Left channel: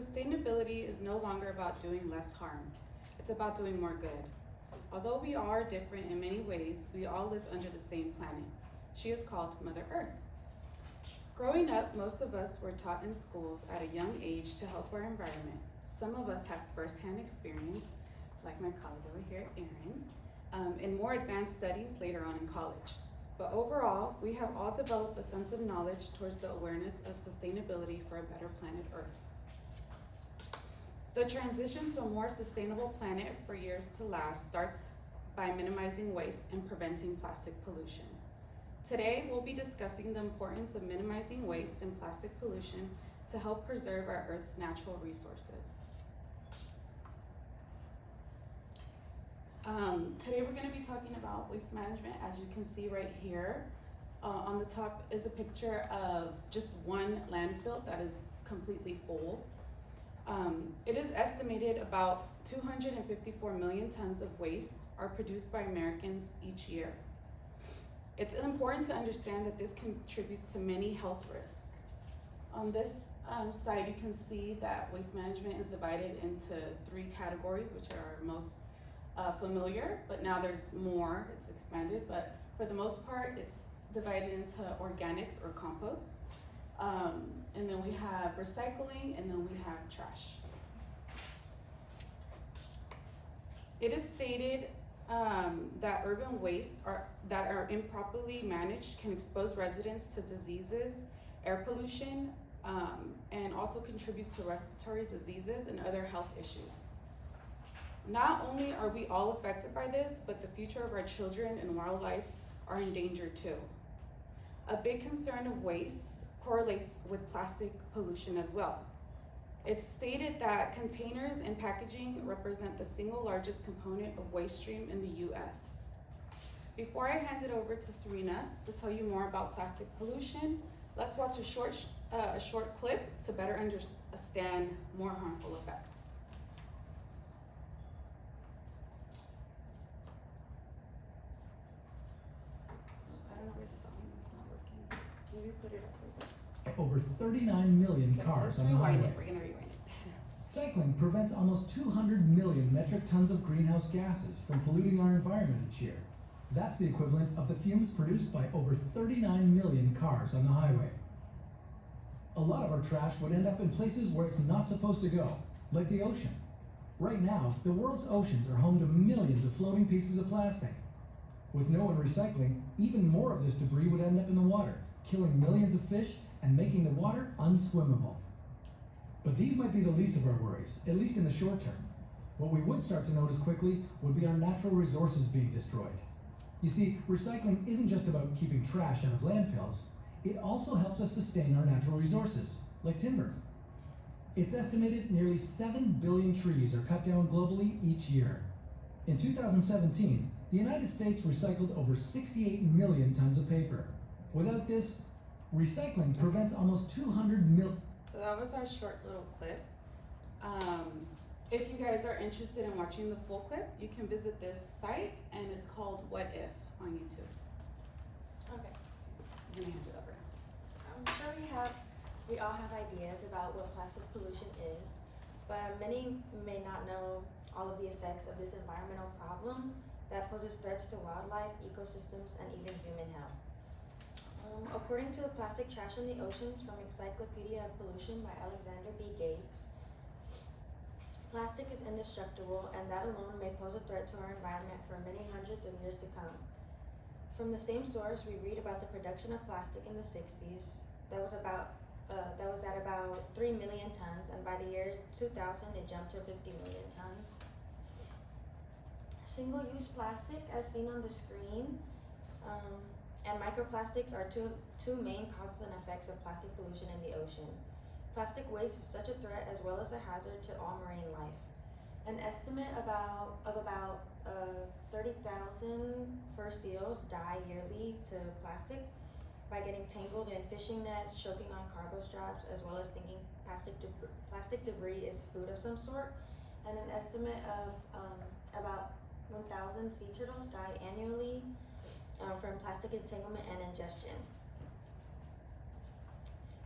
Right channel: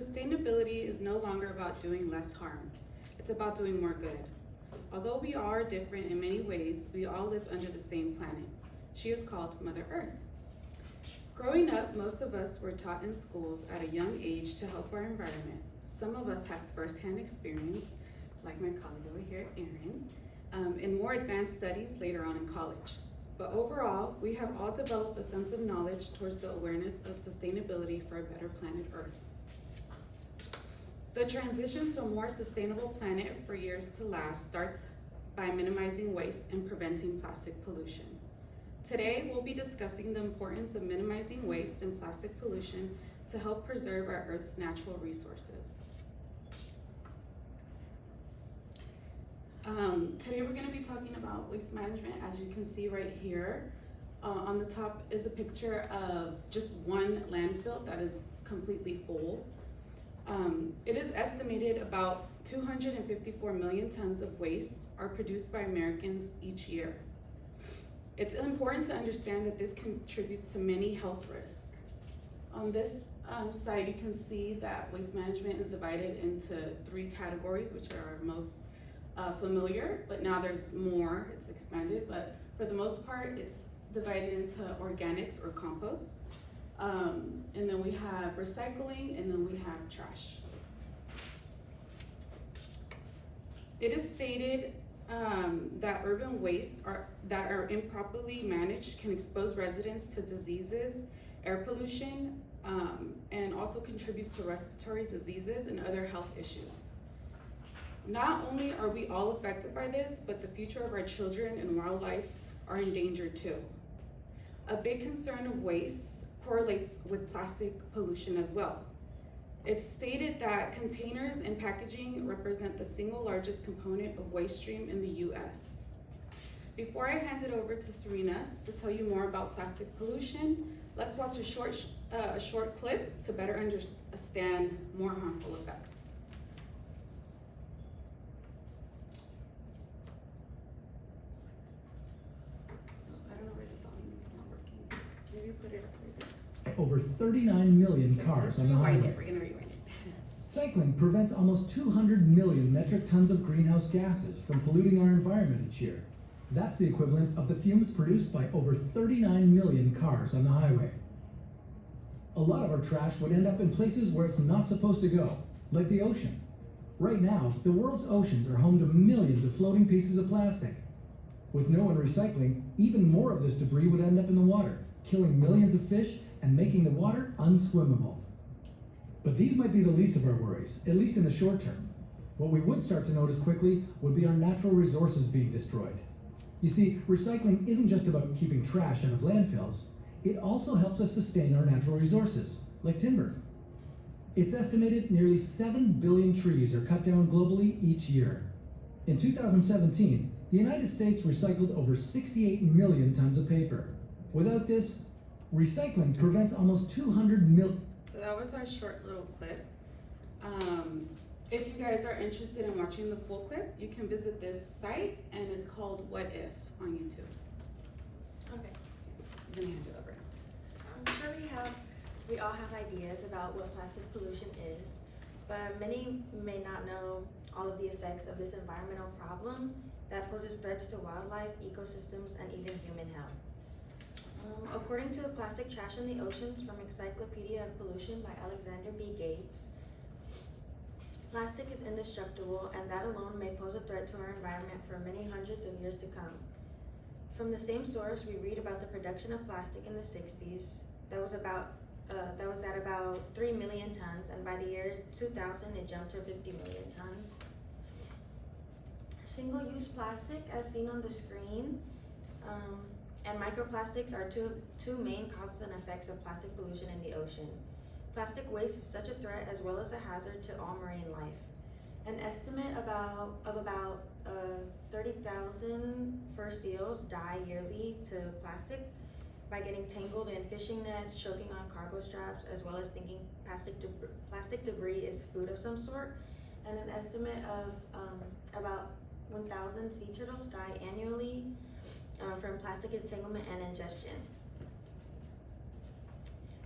Sustainability is no longer about doing less harm. It's about doing more good. Although we all are different in many ways, we all live under the same planet. She is called Mother Earth. Growing up, most of us were taught in schools at a young age to help our environment. Some of us had firsthand experience, like my colleague over here, Erin, and more advanced studies later on in college. But overall, we have all developed a sense of knowledge towards the awareness of sustainability for a better planet Earth. The transition to a more sustainable planet for years to last starts by minimizing waste and preventing plastic pollution. Today, we'll be discussing the importance of minimizing waste and plastic pollution to help preserve our Earth's natural resources. Today we're going to be talking about waste management. As you can see right here, on the top is a picture of just one landfill that is completely full. It is estimated about 254 million tons of waste are produced by Americans each year. It's important to understand that this contributes to many health risks. On this side, you can see that waste management is divided into 3 categories, which are our most familiar, but now there's more, it's expanded, but for the most part, it's divided into organics or compost. And then we have recycling, and then we have trash. It is stated that urban wastes that are improperly managed can expose residents to diseases, air pollution, and also contributes to respiratory diseases and other health issues. Not only are we all affected by this, but the future of our children and wildlife are in danger too. A big concern of waste correlates with plastic pollution as well. It's stated that containers and packaging represent the single largest component of waste stream in the US. Before I hand it over to Serena to tell you more about plastic pollution, let's watch a short clip to better understand more harmful effects. I don't know where the volume is not working. Maybe put it up right there. Over 39 million cars on the highway. We're gonna rewind it. Cycling prevents almost 200 million metric tons of greenhouse gases from polluting our environment each year. That's the equivalent of the fumes produced by over 39 million cars on the highway. A lot of our trash would end up in places where it's not supposed to go, like the ocean. Right now, the world's oceans are home to millions of floating pieces of plastic. With no one recycling, even more of this debris would end up in the water, killing millions of fish and making the water unswimmable. But these might be the least of our worries, at least in the short term. What we would start to notice quickly would be our natural resources being destroyed. You see, recycling isn't just about keeping trash out of landfills, it also helps us sustain our natural resources, like timber. It's estimated nearly 7 billion trees are cut down globally each year. In 2017, the United States recycled over 68 million tons of paper. Without this, recycling prevents almost 200 million. So that was our short little clip. If you guys are interested in watching the full clip, you can visit this site, and it's called What If on YouTube. Okay. I'm gonna hand it over. I'm sure we all have ideas about what plastic pollution is, but many may not know all of the effects of this environmental problem that poses threats to wildlife, ecosystems, and even human health. According to Plastic Trash in the Oceans from Encyclopedia of Pollution by Alexander B. Gates, plastic is indestructible, and that alone may pose a threat to our environment for many hundreds of years to come. From the same source, we read about the production of plastic in the 60s that was at about 3 million tons, and by the year 2000 it jumped to 50 million tons. Single-use plastic, as seen on the screen, and microplastics are two main causes and effects of plastic pollution in the ocean. Plastic waste is such a threat as well as a hazard to all marine life. An estimate of about 30,000 fur seals die yearly to plastic by getting tangled in fishing nets, choking on cargo straps, as well as thinking plastic debris is food of some sort. And an estimate of about 1,000 sea turtles die annually from plastic entanglement and ingestion.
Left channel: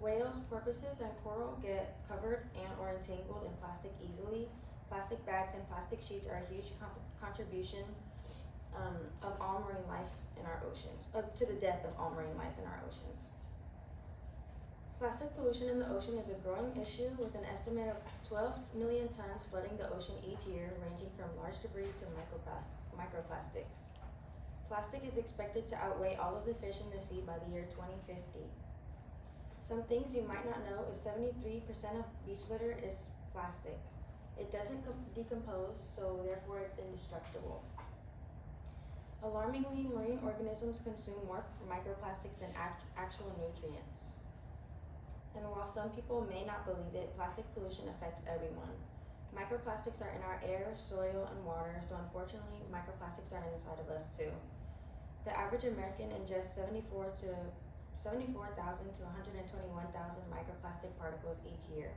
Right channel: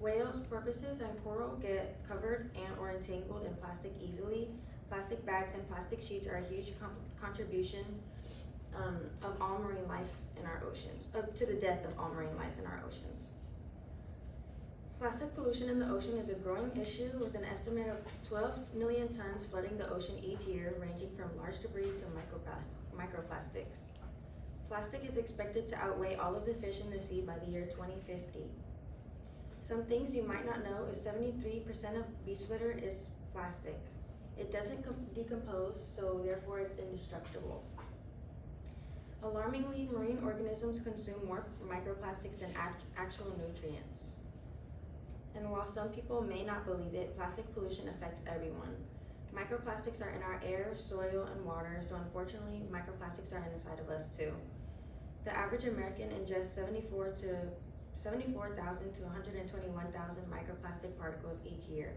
Whales, porpoises, and coral get covered and or entangled in plastic easily. Plastic bags and plastic sheets are a huge contribution of all marine life in our oceans, to the death of all marine life in our oceans. Plastic pollution in the ocean is a growing issue with an estimate of 12 million tons flooding the ocean each year, ranging from large debris to microplastics. Plastic is expected to outweigh all of the fish in the sea by the year 2050. Some things you might not know is 73% of beach litter is plastic. It doesn't decompose, so therefore it's indestructible. Alarmingly, marine organisms consume more microplastics than actual nutrients. And while some people may not believe it, plastic pollution affects everyone. Microplastics are in our air, soil, and water, so unfortunately, microplastics are inside of us too. The average American ingests 74,000 to 121,000 microplastic particles each year.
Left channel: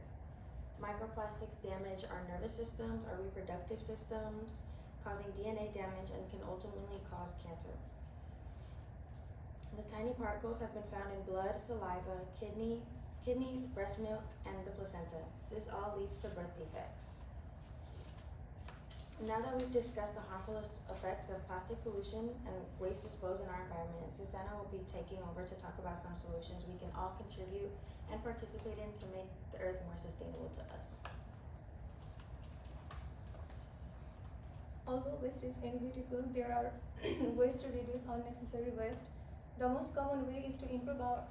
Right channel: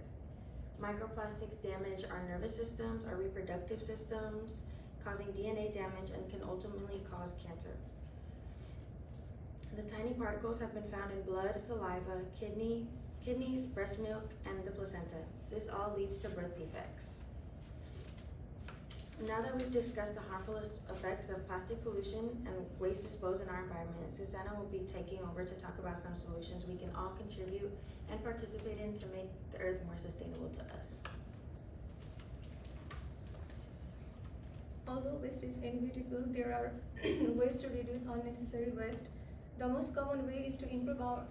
Microplastics damage our nervous systems, our reproductive systems, causing DNA damage and can ultimately cause cancer. The tiny particles have been found in blood, saliva, kidneys, breast milk, and the placenta. This all leads to birth defects. Now that we've discussed the harmful effects of plastic pollution and waste disposed in our environment, Susanna will be taking over to talk about some solutions we can all contribute and participate in to make the earth more sustainable to us. Although waste is inevitable, there are ways to reduce unnecessary waste. The most common way is to improve our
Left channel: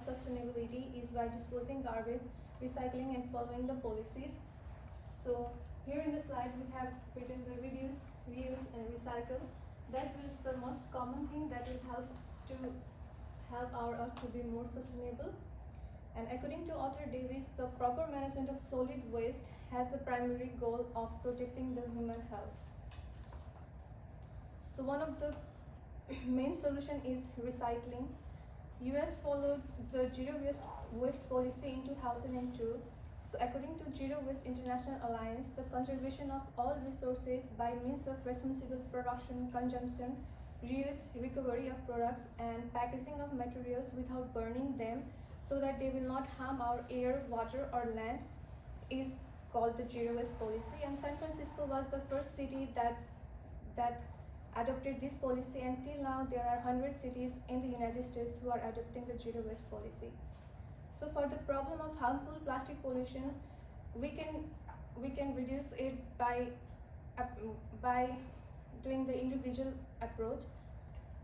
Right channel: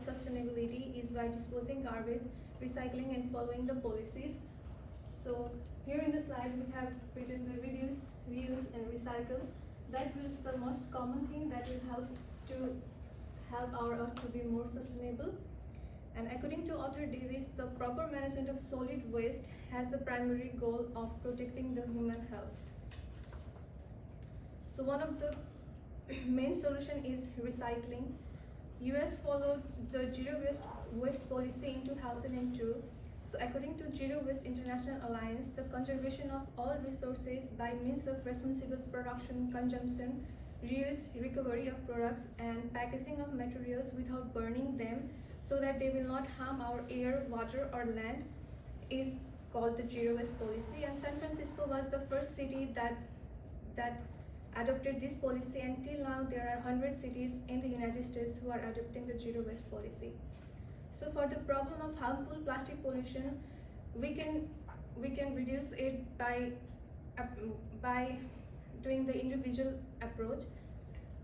sustainability is by disposing garbage, recycling, and following the policies. So here in the slide we have written the reduce, reuse, and recycle. That is the most common thing that will help our earth to be more sustainable. And according to Arthur Davis, the proper management of solid waste has the primary goal of protecting the human health. So one of the main solution is recycling. US followed the zero waste policy in 2002. So according to Zero Waste International Alliance, the conservation of all resources by means of responsible production, consumption, reuse, recovery of products, and packaging of materials without burning them so that they will not harm our air, water, or land is called the Zero Waste policy. And San Francisco was the first city that adopted this policy, and till now there are 100 cities in the United States who are adopting the Zero Waste policy. So for the problem of harmful plastic pollution, we can reduce it by doing the individual approach.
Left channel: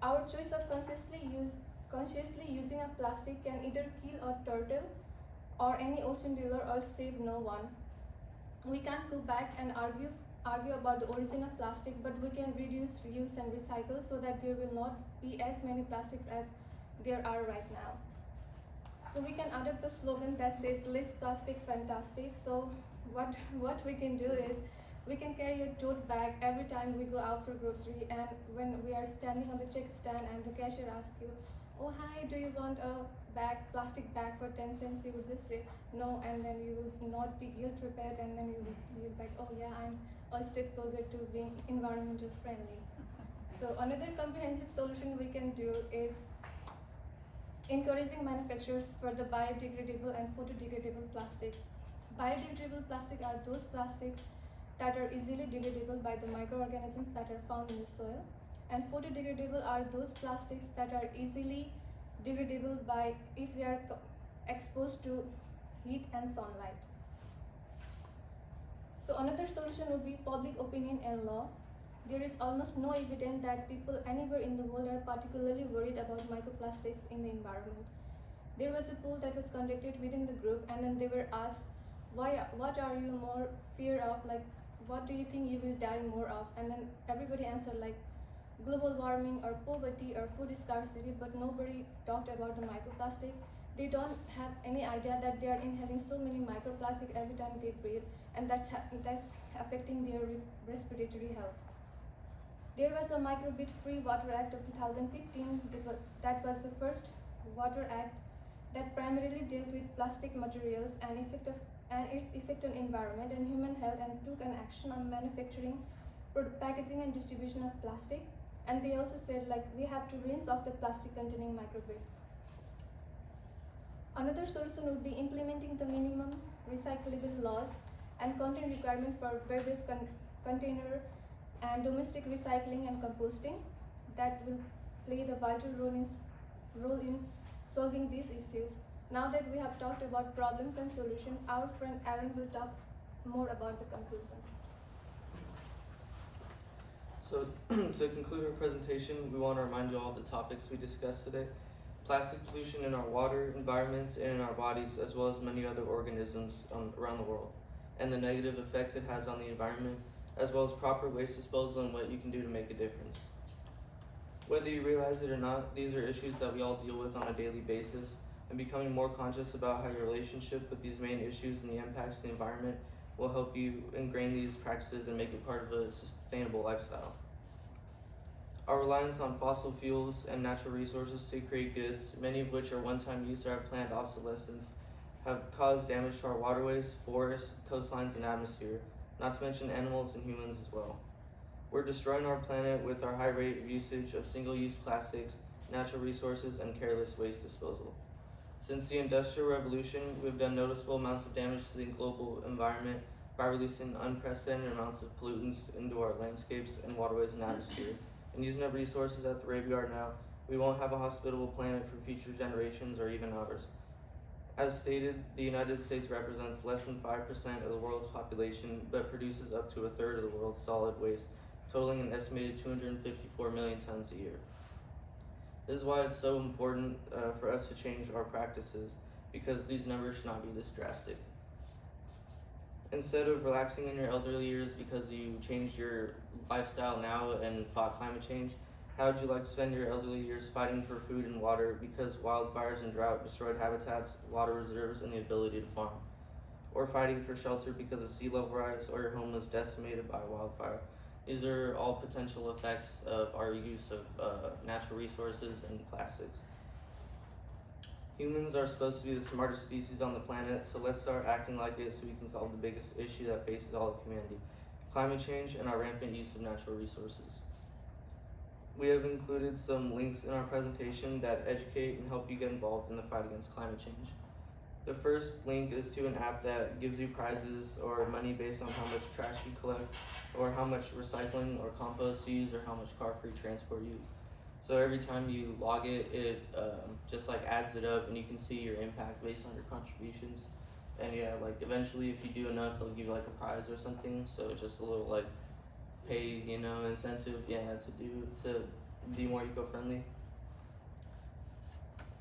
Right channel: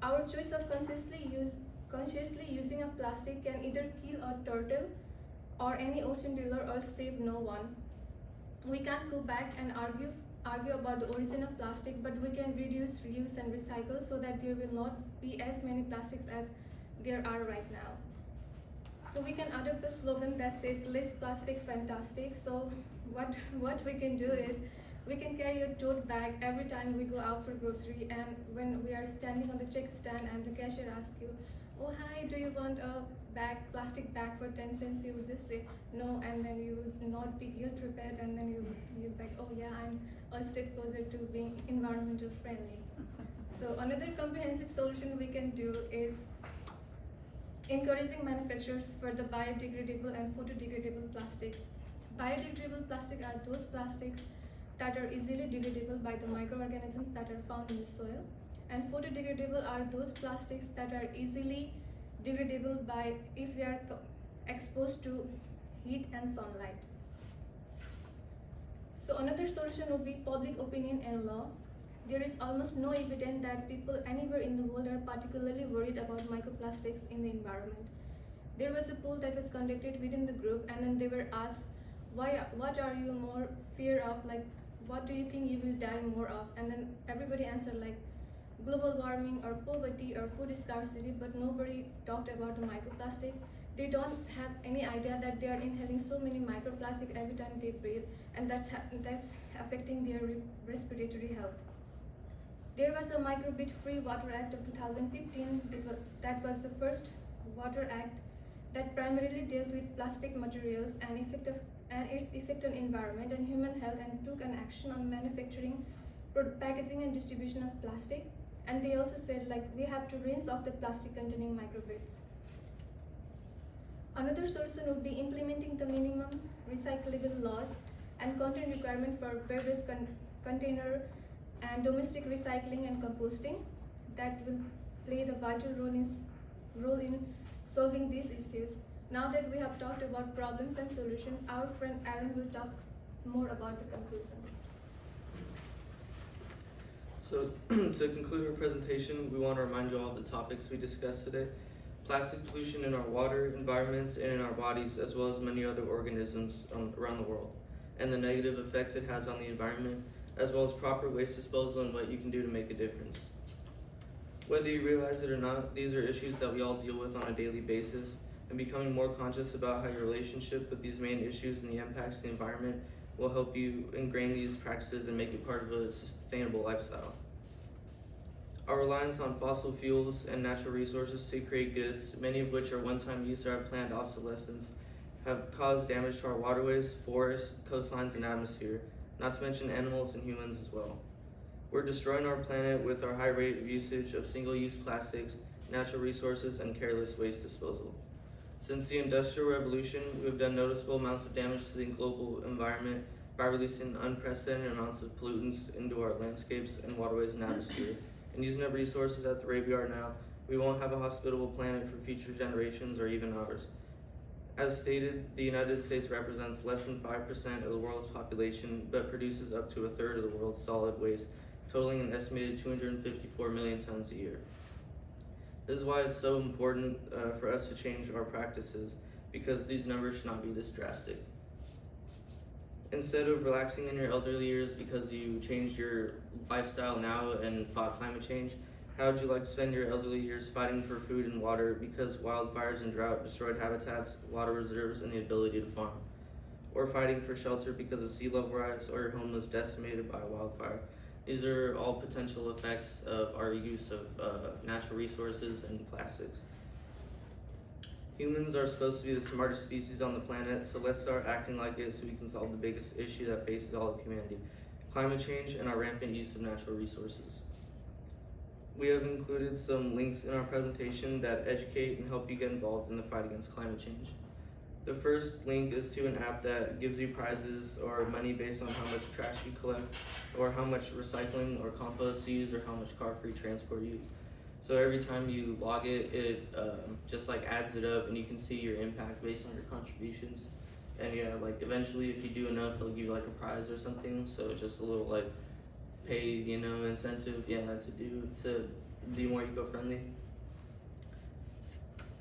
Our choice of consciously using a plastic can either kill a turtle or any ocean dweller or save no one. We can't go back and argue about the origin of plastic, but we can reduce, reuse, and recycle so that there will not be as many plastics as there are right now. So we can adopt a slogan that says less plastic, fantastic. So what we can do is we can carry a tote bag every time we go out for grocery, and when we are standing on the check stand and the cashier asks you, oh hi, do you want a plastic bag for 10 cents? You would just say no, and then you will not be guilt tripped, and then you'll be like, oh yeah, I'm a step closer to being environmental friendly. So another comprehensive solution we can do is encouraging manufacturers for the biodegradable and photodegradable plastics. Biodegradable plastic are those plastics that are easily degradable by the microorganisms that are found in the soil, and photodegradable are those plastics that are easily degradable by if they are exposed to heat and sunlight. So another solution would be public opinion and law. There is almost no evidence that people anywhere in the world are particularly worried about microplastics in the environment. There was a poll that was conducted within the group, and then they were asked, what are you more fear of? Like, what do you think you will die more of? And then everybody answered like global warming or poverty or food scarcity, but nobody talked about the microplastic. They don't have any idea that they are inhaling so many microplastic every time they breathe, and that's affecting their respiratory health. There was a Microbit-Free Water Act of 2015. That was the first water act that primarily dealt with plastic materials and its effect on environment and human health, and took an action on manufacturing, packaging, and distribution of plastic. And they also said like we have to rinse off the plastic containing microbits. Another solution would be implementing the minimum recyclable laws and content requirement for beverage container and domestic recycling and composting that will play the vital role in solving these issues. Now that we have talked about problems and solutions, our friend Aaron will talk more about the conclusion. So to conclude our presentation, we want to remind you all of the topics we discussed today. Plastic pollution in our water, environments, and in our bodies, as well as many other organisms around the world, and the negative effects it has on the environment, as well as proper waste disposal and what you can do to make a difference. Whether you realize it or not, these are issues that we all deal with on a daily basis, and becoming more conscious about how your relationship with these main issues and the impacts to the environment will help you ingrain these practices and make it part of a sustainable lifestyle. Our reliance on fossil fuels and natural resources to create goods, many of which are one-time use or have planned obsolescence, have caused damage to our waterways, forests, coastlines, and atmosphere, not to mention animals and humans as well. We're destroying our planet with our high rate of usage of single-use plastics, natural resources, and careless waste disposal. Since the Industrial Revolution, we've done noticeable amounts of damage to the global environment by releasing unprecedented amounts of pollutants into our landscapes and waterways and atmosphere. And using up resources at the rate we are now, we won't have a hospitable planet for future generations or even ours. As stated, the United States represents less than 5% of the world's population, but produces up to a third of the world's solid waste, totaling an estimated 254 million tons a year. This is why it's so important for us to change our practices, because these numbers should not be this drastic. Instead of relaxing in your elderly years because you changed your lifestyle now and fought climate change, how would you like to spend your elderly years fighting for food and water because wildfires and drought destroyed habitats, water reserves, and the ability to farm? Or fighting for shelter because of sea level rise or your home was decimated by a wildfire? These are all potential effects of our use of natural resources and plastics. Humans are supposed to be the smartest species on the planet, so let's start acting like it so we can solve the biggest issue that faces all of humanity: climate change and our rampant use of natural resources. We have included some links in our presentation that educate and help you get involved in the fight against climate change. The first link is to an app that gives you prizes or money based on how much trash you collect, or how much recycling or compost you use, or how much car-free transport you use. So every time you log it, it just like adds it up, and you can see your impact based on your contributions. And yeah, like eventually if you do enough, they'll give you like a prize or something. So it's just a little like paid, incentive, to be more eco-friendly.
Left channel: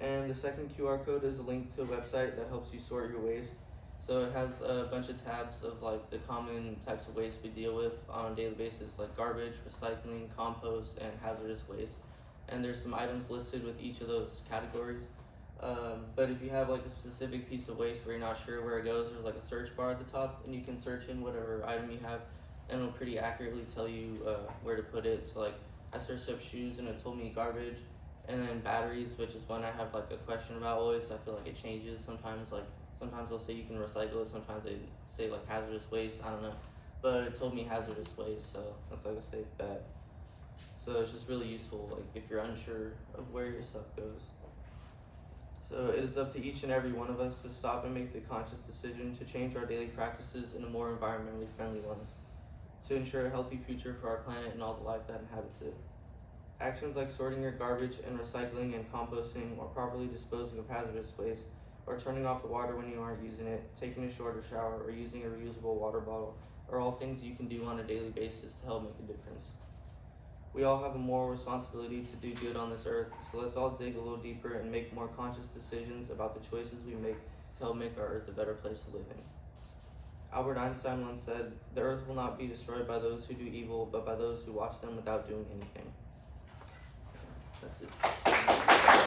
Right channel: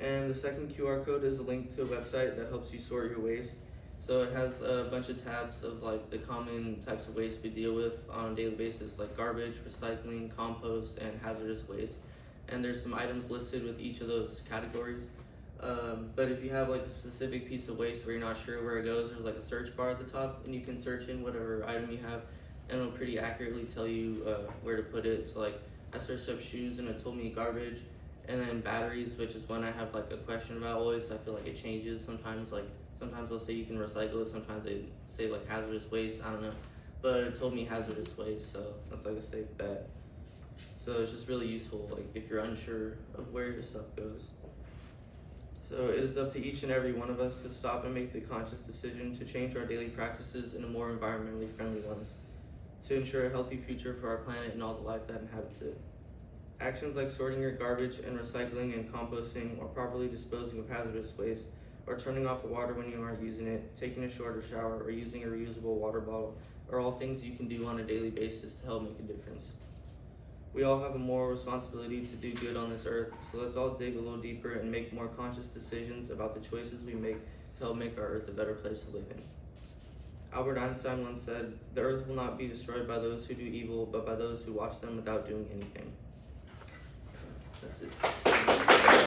And the second QR code is a link to a website that helps you sort your waste. So it has a bunch of tabs of like the common types of waste we deal with on a daily basis, like garbage, recycling, compost, and hazardous waste. And there's some items listed with each of those categories. But if you have like a specific piece of waste where you're not sure where it goes, there's like a search bar at the top, and you can search in whatever item you have, and it'll pretty accurately tell you where to put it. So like I searched up shoes and it told me garbage, and then batteries, which is one I have like a question about always. I feel like it changes sometimes. Like sometimes they'll say you can recycle it, sometimes they say like hazardous waste. I don't know, but it told me hazardous waste, so that's like a safe bet. So it's just really useful, like if you're unsure of where your stuff goes. So it is up to each and every one of us to stop and make the conscious decision to change our daily practices in a more environmentally friendly lens, to ensure a healthy future for our planet and all the life that inhabits it. Actions like sorting your garbage and recycling and composting, or properly disposing of hazardous waste, or turning off the water when you aren't using it, taking a shorter shower, or using a reusable water bottle are all things you can do on a daily basis to help make a difference. We all have a moral responsibility to do good on this earth, so let's all dig a little deeper and make more conscious decisions about the choices we make to help make our earth a better place to live in. Albert Einstein once said, "The earth will not be destroyed by those who do evil, but by those who watch them without doing anything." That's it.